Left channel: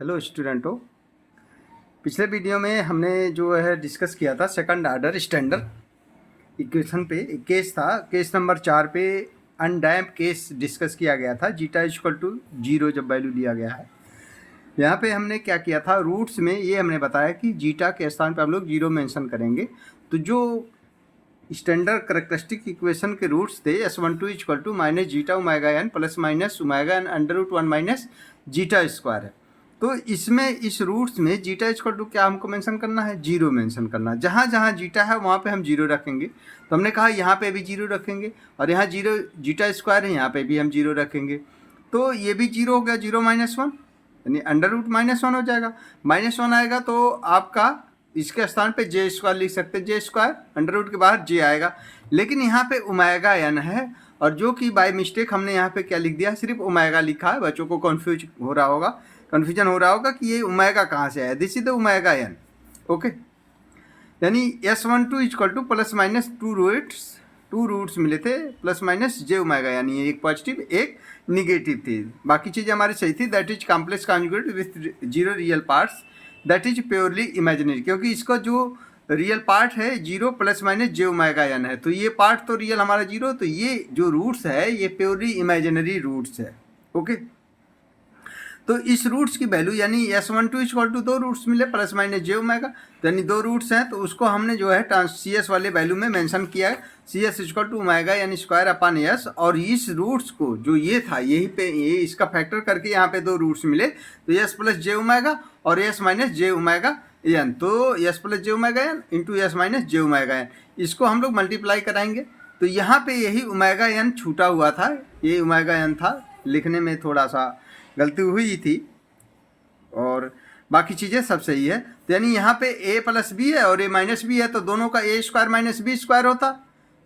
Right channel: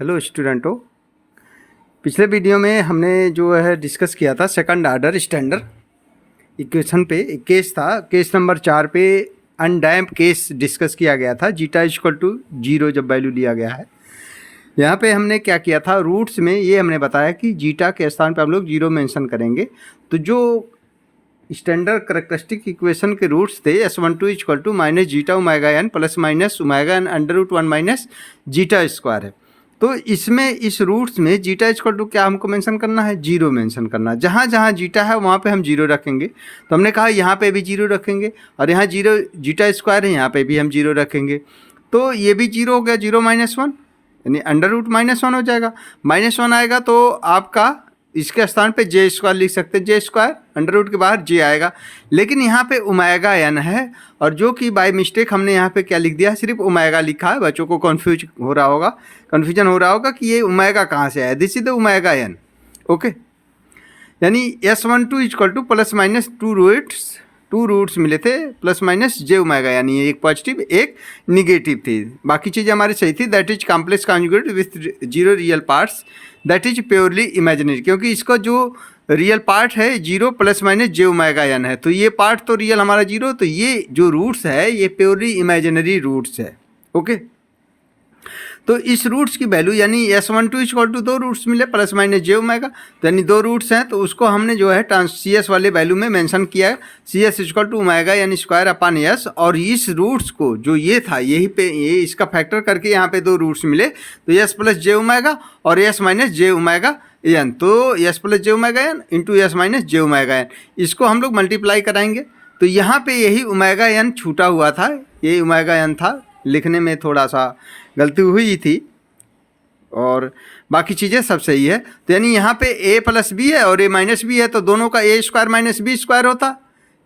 Hello स्टूडेंटों, पिछले video में हमने जो है डिस्कस किया था सेकंड ऑर्डर स्टैंडर्ड इक्वेशन पे। एक केस था, केस नंबर 4 पे अनडैम्प केस डिस्कस किया गया था, जीटा इक्वल टू 0 जब वैल्यू लिया गया है। यहाँ पे हमने क्या किया था, रूट्स में ये हमने बताया कि जीटा के स्थान पे हम लोग 0 मेंशन करेंगे। तो जो स्टैंडर्ड करेक्टरिस्टिक इक्वेशन के रूट्स थे S12 equal to minus zeta omega n plus minus omega n under root 1 minus zeta square है। तो इसमें इस रूट्स में जीटा इक्वल टू क्या हमको मेंशन करना है, 0 मेंशन करना है। जहाँ जहाँ जीटा है वहाँ पे हम 0 रखेंगे। तो हमने कहा यहाँ पे भी 0 रखेंगे, और यहाँ 0 जीटा स्क्वायर है, यहाँ पे भी हम 0 रखेंगे। तो ये भी 0 हो गया, 0 माइनस 1 यानी अंडर रूट -1 हो जाएगा। -1 आएगा तो आपका इसके स्थान पे जे स्क्वायर लिख सकते हैं, जे स्क्वायर अंडर रूट के बाहर जे आएगा। लेकिन यहाँ पे ओमेगा एन है, और जो कि बाय मिस्टेक हमने यहाँ पे क्या लिख दिया, सिर्फ ओमेगा लिखा है। बच्चों को कन्फ्यूजन हो रहा होगा कि ये ओमेगा कहाँ से आया। This is the omega n, okay. यानी S12 equal to plus minus two roots मिले थे प्लस माइनस जे ओमेगा, यानी एक पॉजिटिव एक निगेटिव थी, बाकी चीज़ें हमारी सही थी। That is complex conjugate with 0 real parts, that is purely imaginary, क्योंकि इसका जो रियल पार्ट है 0 plus minus J omega N है, तो ये पार्ट तो रियल हमारा 0, तो ये जो रूट्स है ये प्योरली इमेजिनरी रूट्स है, ओके। तो इस रूट्स की वैल्यू यानी S12 इक्वल टू 2 रूट्स मिले प्लस माइनस जे ओमेगा, तो यानी 2 रूट्स हैं, तो उसको हमने जो है सी एस वाले वैल्यू में मेंशन किया है, c s equal to omega यानी स्क्वायर अपान एस। और इस रूट्स को जो ये था यहीं पे ये इसका फैक्टर करके यहाँ पे 2 रूट्स मिले, तो एस प्लस जे ओमेगा और S minus J omega N. तो S plus J omega N into S minus J omega N, इसको हम लोग मल्टीप्लाई कराएंगे। तो यहाँ पे यही ओमेगा एन छूटा हुआ था, ये ओमेगा एन था, लिखने में थोड़ा सा गलती हुई थी, और बाकी चीज़ें सब सही है। तो यानी यहाँ पे a प्लस बी है और a माइनस बी है, तो दोनों का a square minus b square होता,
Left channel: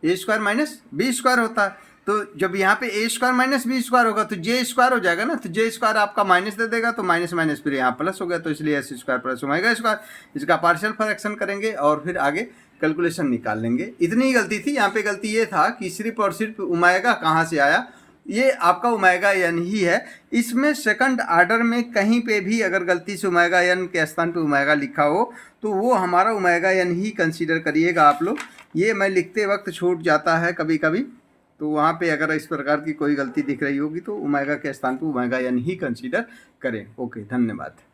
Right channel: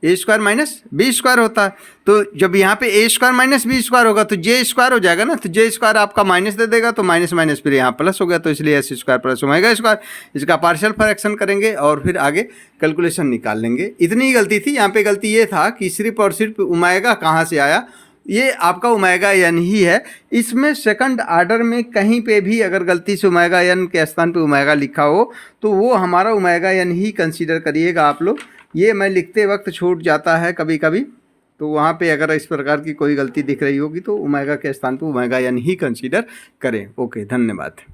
a square minus b square होता। तो जब यहाँ पे a square minus b square होगा तो j स्क्वायर हो जाएगा ना, तो j स्क्वायर आपका माइनस दे देगा, तो माइनस माइनस फिर यहाँ प्लस हो गया, तो इसलिए S square plus omega square. इसका पार्शियल फ्रैक्शन करेंगे और फिर आगे कैलकुलेशन निकाल लेंगे। इतनी ही गलती थी। यहाँ पे गलती ये था कि सिर्फ और सिर्फ ओमेगा कहाँ से आया, ये आपका ओमेगा एन ही है। इसमें सेकंड ऑर्डर में कहीं पे भी अगर गलती से ओमेगा एन के स्थान पे ओमेगा लिखा हो तो वो हमारा ओमेगा एन ही कंसीडर करिएगा आप लोग। ये मैं लिखते वक्त छूट जाता है कभी कभी, तो वहाँ पे अगर इस प्रकार की कोई गलती दिख रही होगी तो ओमेगा के स्थान पे ओमेगा एन ही कंसीडर करें। ओके, धन्यवाद।